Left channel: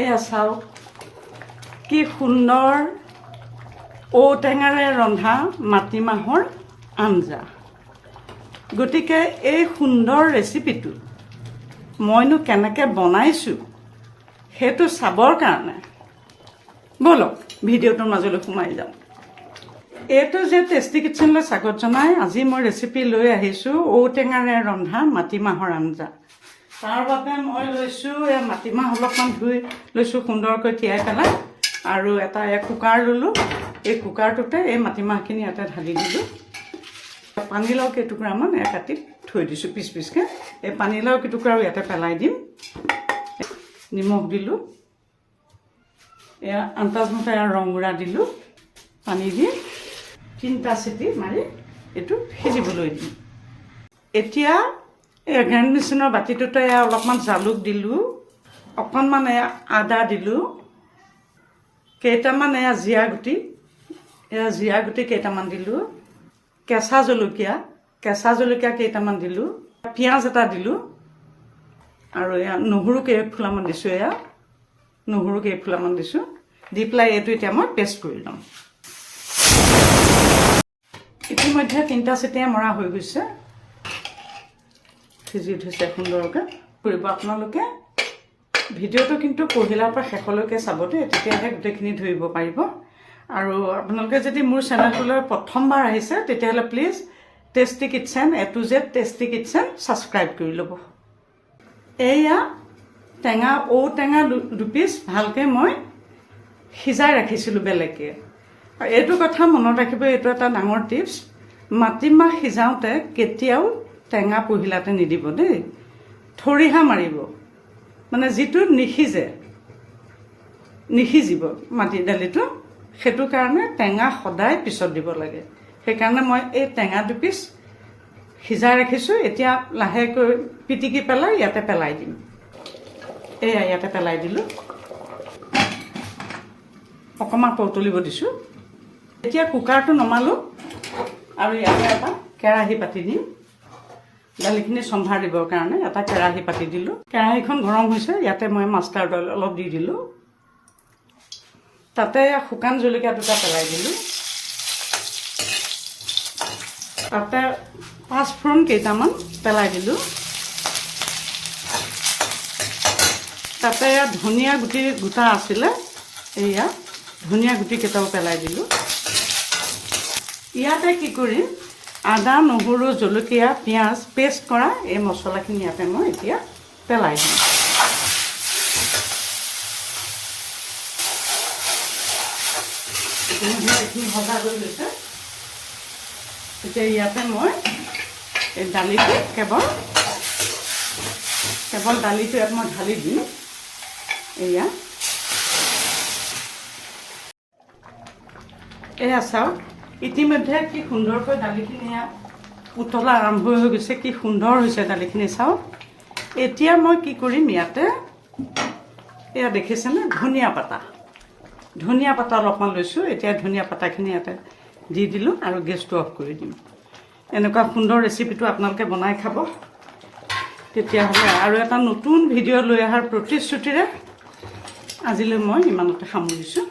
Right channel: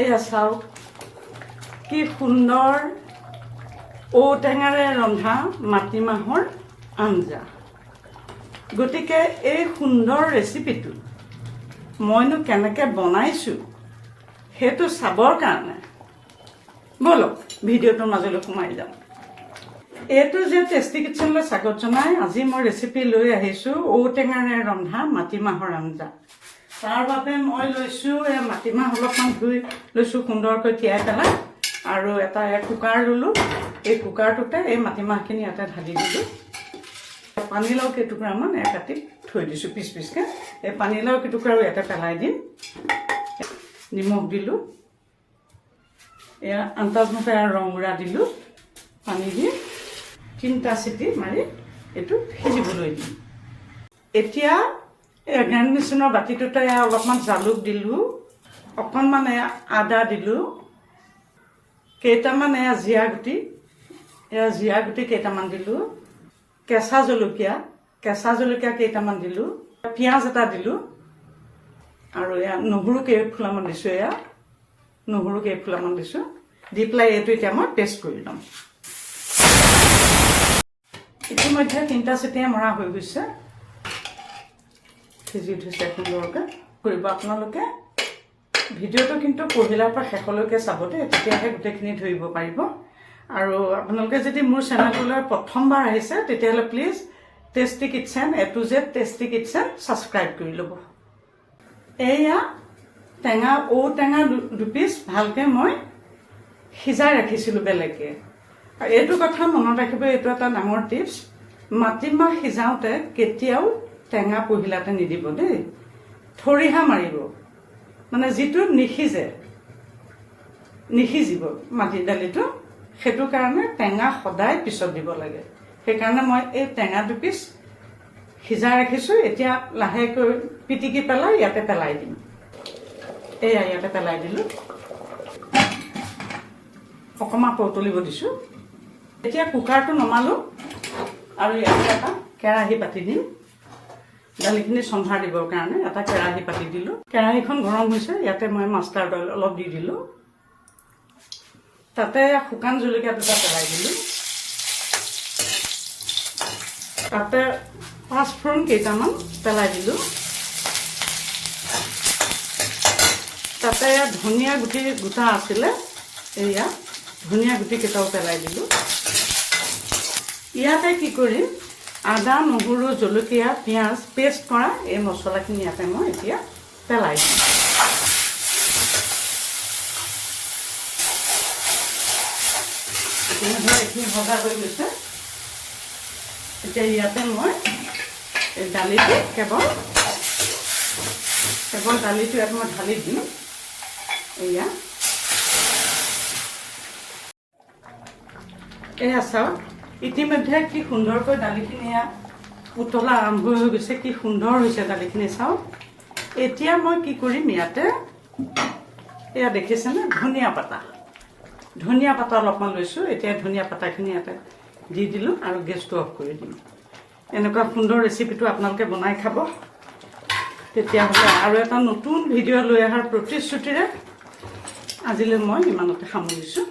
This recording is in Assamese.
এয়া চাওক কি সুন্দৰ ঔটেঙাৰে ৰন্ধা মাটিমাহৰ আঞ্জা। গতিকে এই সুন্দৰ ৰেচিপিটো মইনো কেনেকৈ বনাইছোঁ সেইটো চাবৰ কাৰণে বলক ভিডিঅ'টোৰ মাজলৈ সোমাই যাওঁ। এইটো যে টেষ্টি কিটচেনলৈ স্বাগত জনাই আজি মই ৰেচিপি লৈ আহিছোঁ ঔটেঙাৰে ৰন্ধা মাটিমাহৰ আঞ্জা। তাৰ বাবে মই লৈছোঁ মাটিমাহ অলপমান ধুই লৈছোঁ সুন্দৰকৈ তিয়াই পেলাই, আৰু এটা কুকাৰ ল'লোঁ। এই কুকাৰটোতে এই মাটিমাহখিনি ইয়াতে ঢালি দিলোঁ। পানীলাও কেইটুকুৰামান কাটি থৈ দিছোঁ পিচ পিচকৈ। এই পানীলাও কেইটুকুৰাও ইয়াতে পেলাই দিম। নিমখ দিলোঁ, এয়া আন্তাজমতে ৰংগুড়া দিলোঁ। পানী দি 3টা চিটি মাৰি এইটো সিজিবলৈ দিম। এতিয়া গ্ৰাইণ্ড মেচিনৰ বাতিটোতে অলপমান জালুক দিলোঁ, অকণমান আদা দিলোঁ, কেইটামান জিৰা গুটি কেইটামান দিলোঁ, কেঁচা জলকীয়া কেইটামান দিলোঁ, পিঁয়াজ এটা দিলোঁ, আৰু নহৰু কেইফুলামান দিছোঁ। নহৰু কেইফুলামান দিছোঁ। দি পেলাই এইটো এতিয়া মই পেষ্ট কৰি ল'ম। ইতিমধ্যে 3টা চিটিয়ে মৰা হৈ গৈছে, সিজি উঠিছে সুন্দৰকৈ। কৰিব আপোনালোকে ভিডিঅ'টো কিন্তু পহিলাৰ পৰা শেষলৈকে চাব দেই, তেতিয়াহে গোটেইখিনি ধৰিব পাৰিব। আৰু আপোনালোকে যদি মোৰ চেনেলটোলৈ প্ৰথমবাৰ আহিছে তেতিয়াহ'লে please tasty kitchen A to Z tasty kitchen subscribe কৰি ল'ব। এয়া ঔটেঙা দুপিচ ভালকৈ মই সিজাই ৰাখিছিলোঁ বেলেগকৈ। এইটো কথা মনত ৰাখিব, এইটো এটা ডাঙৰ টিপছ। মাটিমাহ সিজাওঁতে কেতিয়াও টেঙা পহিলাতে নিদিব দেই, থৰিহা মাৰিব, মানে যিটো নিসিজিব মাটি দালিটো। সেইটো কাৰণে টেঙা সদায় পিছত দিব লাগে। সেইকাৰণে মই এই টেঙা দুপিচ সিজাই ৰাখিছোঁ। এতিয়া লাহেকৈ পিটিকি পেলাই ইয়াতে পেলাই দিম। ইয়াতে পেলাই দিলোঁ, অকণমান পৌতলিব দিছোঁ। এতিয়া কুকাৰটো নমালোঁ আৰু ইয়াতে এটা কেৰাহী পাতি দিম। দালিখিনি চম্ভাৰ দিবৰ কাৰণে এটা কেৰাহী পাতি দিলোঁ। কেৰাহীখন গৰম হৈছে, ইয়াতে মই মাষ্টাৰ্ড অইল অলপ দি দিলোঁ। তাতে শুকান জলকীয়া 2টা পেলাই দিলোঁ। তাতে পাঁচফোৰণ কেইটামান পেলাই দিলোঁ। তাতে ধনিয়া গুটি গোটা আছিলে, এয়া ধনিয়া গুটি কেইটাও পেলাই দিলোঁ। ইয়াতে কি কৰিম, আদা নহৰু জলকীয়া পিঁয়াজ পেষ্ট কৰা এই মছলাখিনি ইয়াতে মই এতিয়া পেলাই দিম। এইখিনি ভজা হৈ গৈছে। এতিয়া ইয়াতে মই এই দালিটো কেৱল দালিটো ইয়াত মই ঢালি দিম। এয়া চাওক, ইতিমধ্যে কি সুন্দৰকৈ দালিখিনি উতলা আৰম্ভ হৈ গৈছে। কি সুন্দৰ হৈছে দালিখিনি চাওক। এতিয়া মই কি কৰিম, ইয়াতে দেখিছেনে ধনিয়া পাতা অলপমান লৈছোঁ। এতিয়া ধনিয়া পাতাখিনি ইয়াতে দি দিলোঁ আৰু গেছটো অফ কৰি দিম। এনেকুৱা সুন্দৰ ৰেচিপিটো আপোনালোকে বনাই খাব। তেতিয়াহ'লে আৰু এটা নতুন ভিডিঅ' লৈ অহাৰ প্ৰতিশ্ৰুতিৰে আজিলৈ মই ইমানতে সামৰিছোঁ।